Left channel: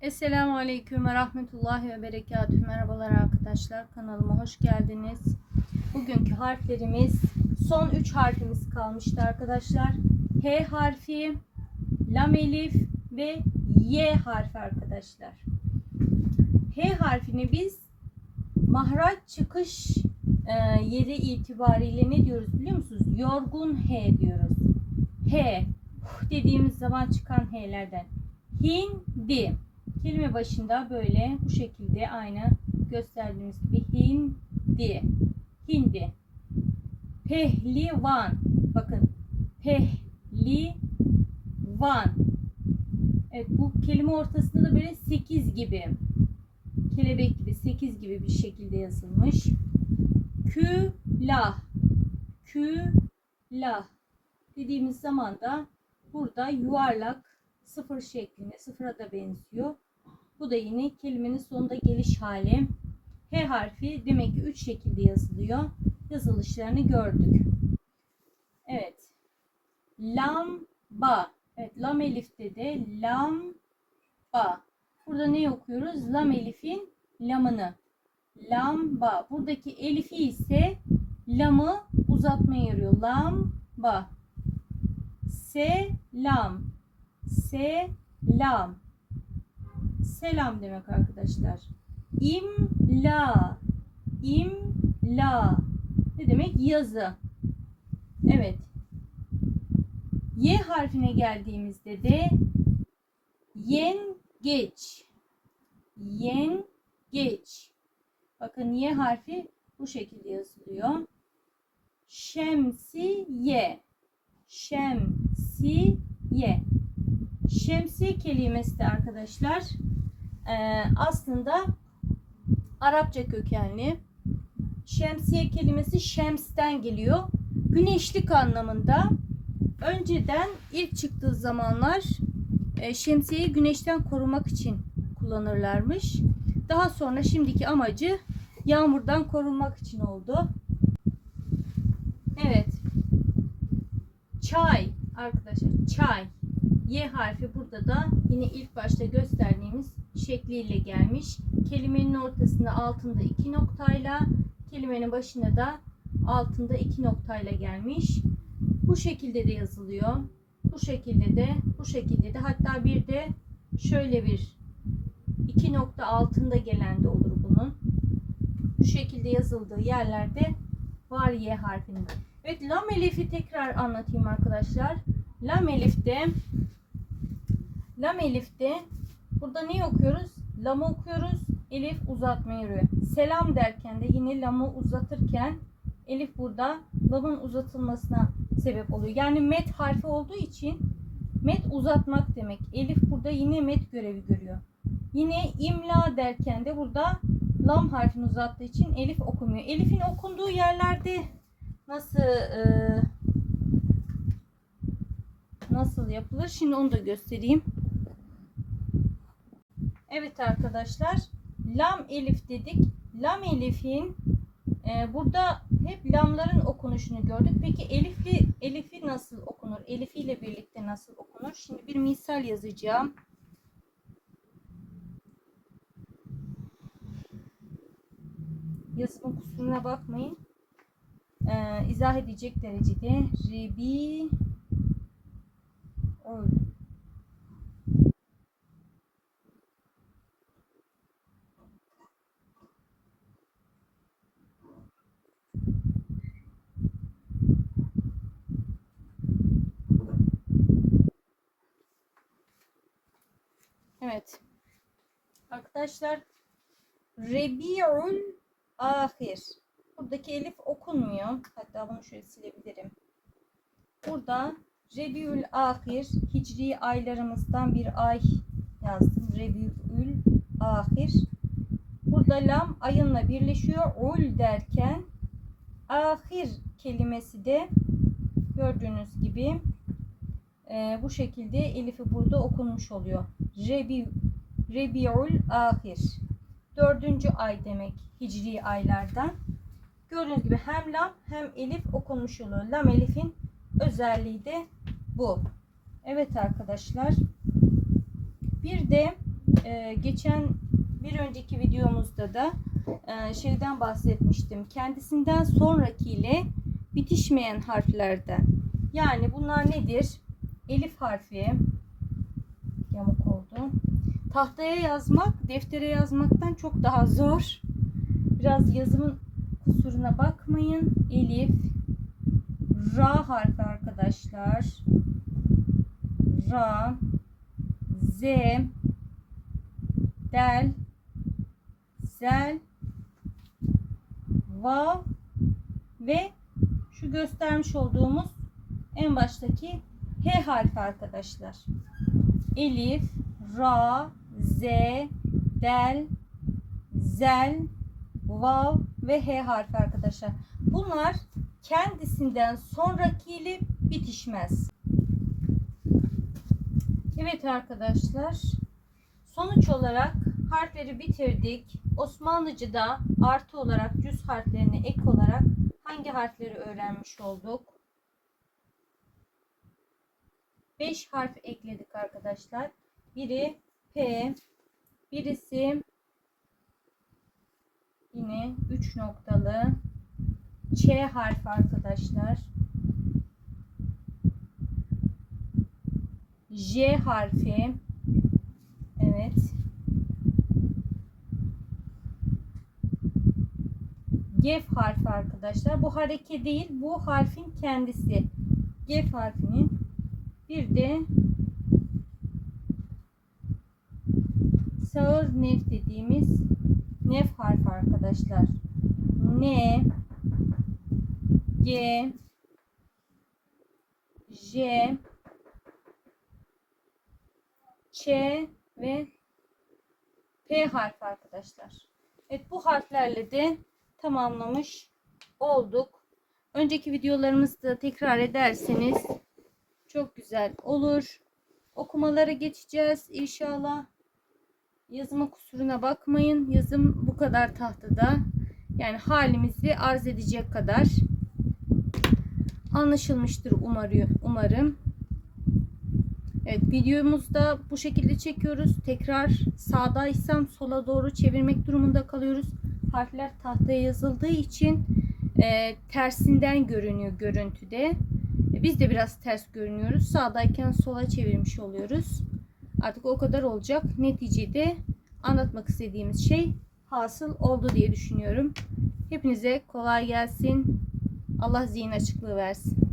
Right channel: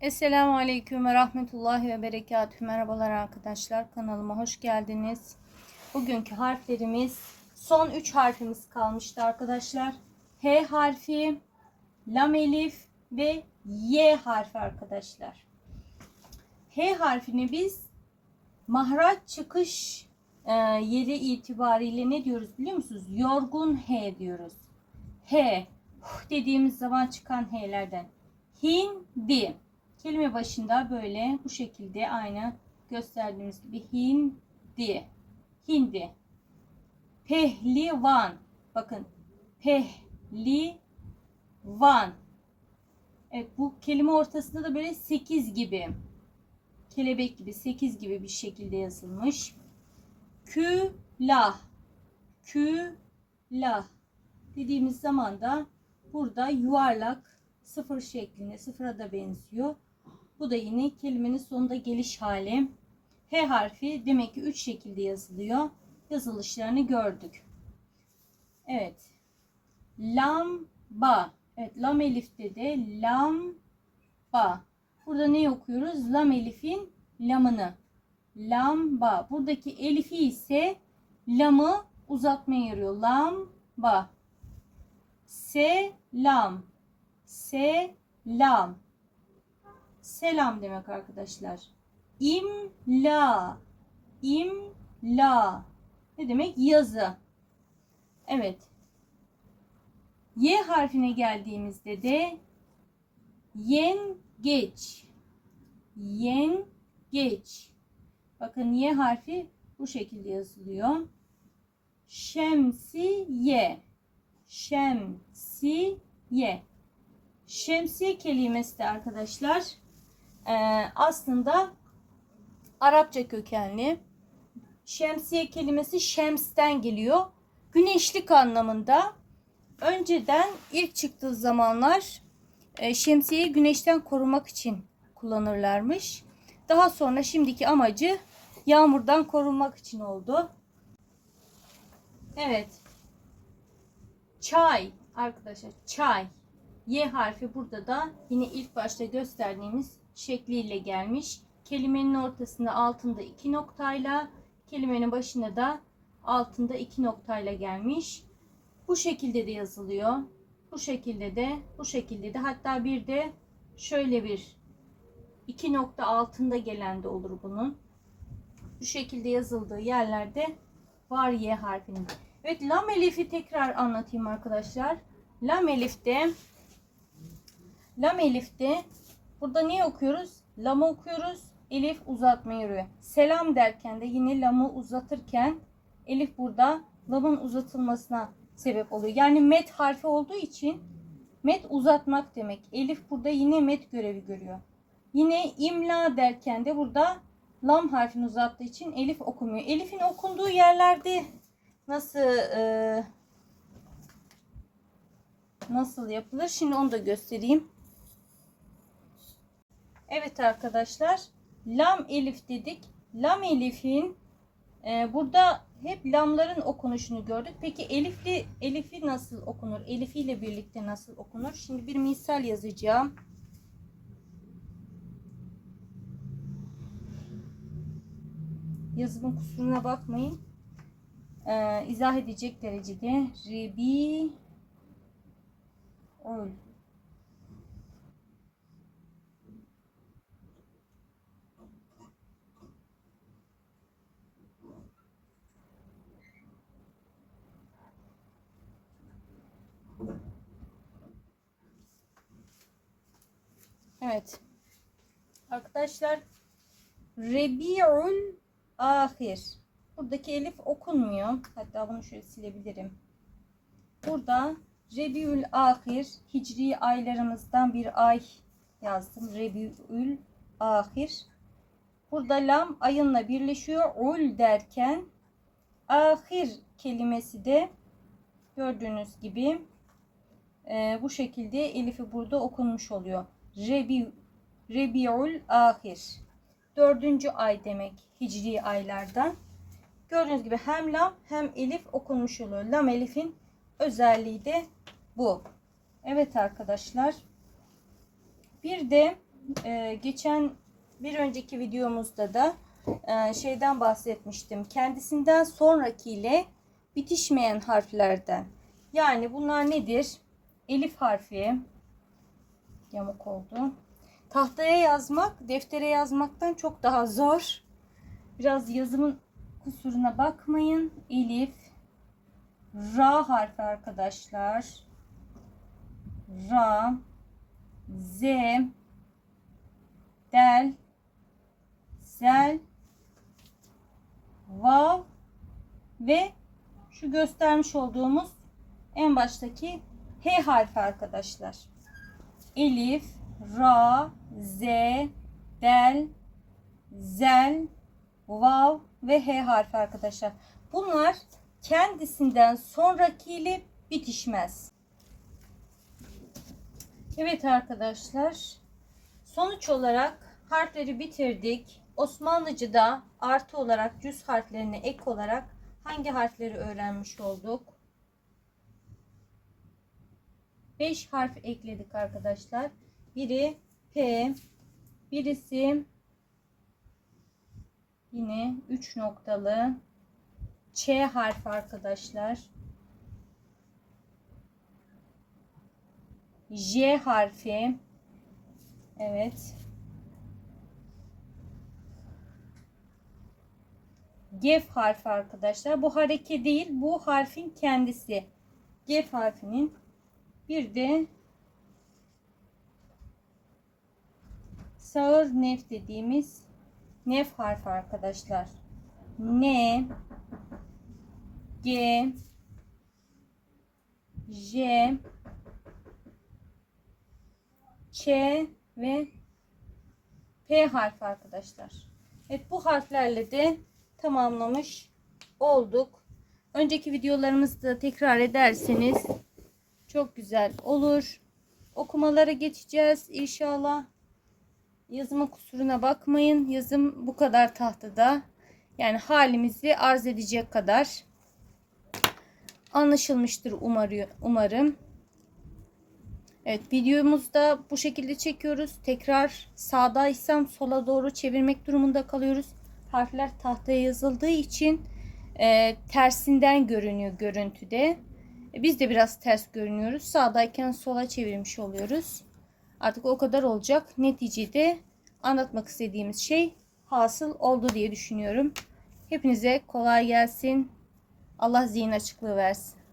Esselamu Aleyküm ve Rahmetullahi ve Berekatühü. Merhabalar arkadaşlar. Kanalıma hoş geldiniz. Bugünkü harflerimiz son 3 harfimiz kalmıştı arkadaşlar. H harfi, Lam Elif ve Y harfi arkadaşlar. H harfini biz mahraç çıkış e, yeri itibariyle ne diyoruz biliyor musunuz? Yorgun H diyoruz. H dediğimiz zaman çıkan H'lerden. Hindi. Kelime başında böyle bu şekilde aynı gösterdiğimiz gibi hindi. Hindi. Pehlivan. Bakın. Pehlivan. Evet bu kelime ortasında da böyle 8 gibi. Kelebek gibi 8 gibi bir şekilde yazılmış. Külah. Külah. Dediğimiz zaman da burada yuvarlak sıfır şeklinde sıfıra da benziyor. Bu da yine kelimenin sonunda geliş hali. H harfi demek ki 3 şekilde yazılıyor. Yazılışlarını gördük. Evet. Lamba. Evet lam elifte de lamba. Burada ne okuyoruz? Lam elifin lamını. Lamba. Buradaki elifi ise lamı uzatmaya yarıyor. Lamba. Selam. Selam. Selam demek arkadaşlar. İmla. İmla. Ne demek? Yazı. Evet. Y harfine geldiğimizde de yengeç. Yengeç. Bakın Y harfi bu şekilde yazılıyor. Şemsiye. Şemsiye. Şemsiye kelimesi de arkadaşlar e, aslında Arapça kökenli. Şemsiye kelimesi şemsten geliyor. Güneşlik anlamında. Önceden ilk çıktığı zamanlar e, şemsiyeyi güneşten korumak için kullanırlarmış. Daha sonra şimdiki amacı yağmurdan korunmak için oldu. Evet. Çay arkadaşlar çay. Y harfi burada da yine ilk başta gösterdiğimiz şekliyle gelmiş. Kelimenin ortasında altında iki noktayla, kelimenin başında da altında iki noktayla gelmiş. Bu şekilde de yazılıyor. Bu şekilde de, bu şekilde de hatta bir de şöyle bir iki nokta altında gelen de olur bunun. Bu şekilde yazıldığı yerlerde var Y harfinin. Evet lam elifi tekrar anlatayım arkadaşlar. Lam elifte Lam elifte burada ne okuyoruz? Lamı okuyoruz. Elif uzatma yürüyor. Selam derken de yine lamı uzatırken elif burada lamın uzatılmasına sebep oluyor. Yani met harfi olduğu için met uzatmak demek. Elif burada yine met görevi görüyor. Yine imla derken de burada lam harfini uzattığı için elif okumuyor. Elif'in okunduğu yerlerde nasıl e, nasıl yapılır? Şimdi onu da göstereyim. Evet arkadaşlar. Lam elif dedik. Lam elifin e, burada hep lamların okunuşunu gördük. Peki elifli elifi nasıl okunur? Elifi ile birlikte nasıl okunur? Şimdi bir misal yazacağım. Yazımın kusuruna bakmayın. Ee, izah edecek derecede Rebi Ol. Evet. Arkadaşlar Rebi'ül ahir. Buradaki elif okunmuyor. Hatta bunu şöyle silebilirim. Burada Rebiül ahir hicri aylarımızdan bir ay yazdım. Rebiül ahir. Burada lam ayınla birleşiyor. Ul derken ahir kelimesi de gördüğünüz gibi e, bu şekilde elifi burada okunmuş oluyor. Rebi, Rebiul ahir. Dördüncü ay demek hicri aylardan. Gördüğünüz gibi hem lam hem elif okunmuş oluyor. Lam elifin özelliği de bu. Evet arkadaşlar. Bir de e, geçen bir önceki videomuzda da e, şeyden bahsetmiştim. Kendisinden sonrakiyle bitişmeyen harflerden. Yani bunlar nedir? Elif harfi yamuk oldu. Tahtaya yazmak, deftere yazmaktan çok daha zor. Biraz yazımın kusuruna bakmayın. Elif, Ra harfi arkadaşlar. Ra, Z, Del, Zel, Vav ve şu göstermiş olduğumuz en baştaki H harfi arkadaşlar. Elif, Ra, Z, Del, Zel, Vav ve H harfi arkadaşlar. Bunlar kendisinden sonrakiyle bitişmez. Evet arkadaşlar. Sonuç olarak harfleri bitirdik. Osmanlıca'da artı olarak cüz harflerine ek olarak hangi harfleri öğrenmiş olduk? 5 harf ekledik arkadaşlar. Biri P, birisi yine 3 noktalı Ç harfi arkadaşlar. J harfi. Evet. Gef harfi arkadaşlar. Bu hareke değil, bu harfin kendisi. Gef harfinin bir de sağır nef dediğimiz nef harfi arkadaşlar. N G J Ç ve P harfi arkadaşlar. Evet bu harflerle de tamamlamış olduk. Önceki videolarımızda tekrar ederseniz çok güzel olur. Okumalara geçeceğiz inşallah. Yazımın kusuruna bakmayın. Yazım bu kadar tahtada. Yani halimizi arz edecek kadar anlaşılmıştır umarım. Evet videomuzda bu şekilde çekiyoruz. Tekrar sağdaysam sola doğru çevirmek durumunda kalıyoruz. Harfler tahtaya yazıldığı için e, tersinden görünüyor görüntüde. Biz de biraz ters görünüyoruz. Sağdayken sola çevirmiş oluyoruz. Artık o kadar olacak. Neticede anlatmak istediğimiz şey hasıl oldu diye düşünüyorum. Hepinize kolay gelsin. Allah zihin açıklığı versin.